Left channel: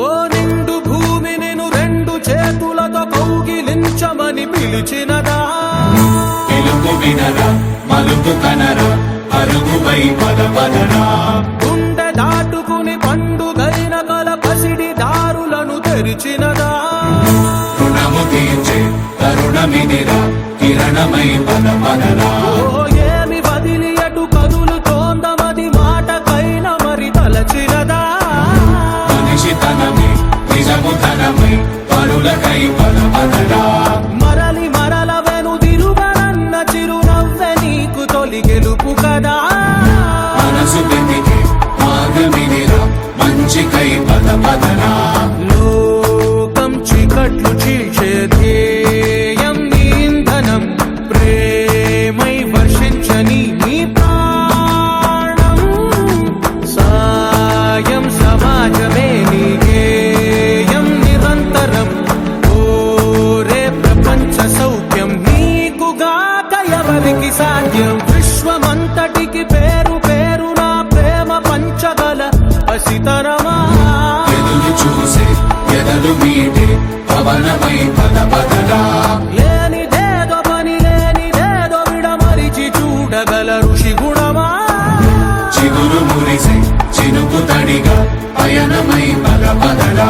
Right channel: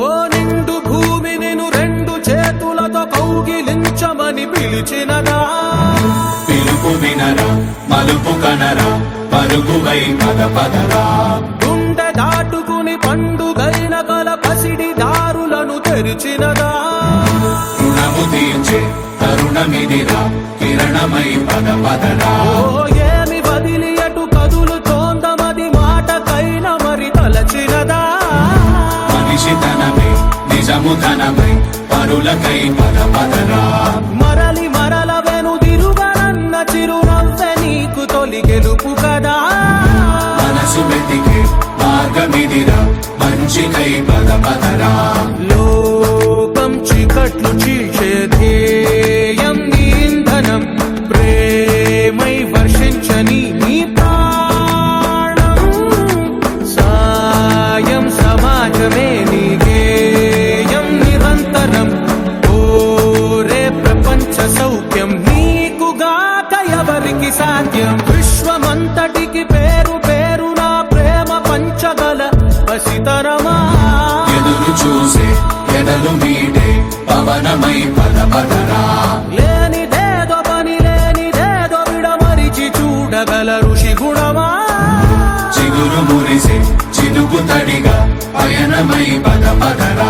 ఓ నిండు భూమి నిన్ను రెండు చేతులతో కౌగిలించమని పిలిచినదా పిలుపు వినరా మలుపు కనరా పరుగువై పద పదరా గుండె దాటుకుని పండుగైన కల పసిడి దారులను తెరిచినదా రుణము తీర్చే తరుణమిదిరా కిరణమై పద పదరా ఓ ఏమి వదిలి అటు కదులుతోందమది మాటకైన మరి తలచినదా మనిషితనమే నిజముతనమై పరులకై పద పదరా మరలి మరల వెనుదిరుగనన్న చిరునవ్వె నీకు తొలి గెలుపు కదా మనసు వెతికే మార్గమిదిరా మంచికై పద పదరా లోకం చీకట్లు చీల్చే ధ్యేయం నీ ఇంధనం ప్రేమై వర్షించని నీ ప్రాణం సాయం సమాజమే నీ గేయం నిరంతరం ఓరే ప్రపంచ సౌఖ్యం నీకుగాక ఎవరికి సాధ్యం విశ్వమంతటికి పేరు పేరు నా ప్రేమ పంచగల పసితరమా ఎదురు చూసే ఎదలు మీటే పవనమై పద పదరా లేనిదేదో పని లేనిదేదో విడమరిచి చూడగల ఋషి గుణమా చిగురు మురిసే చినుకు తడిగా పయనమై పద పదరా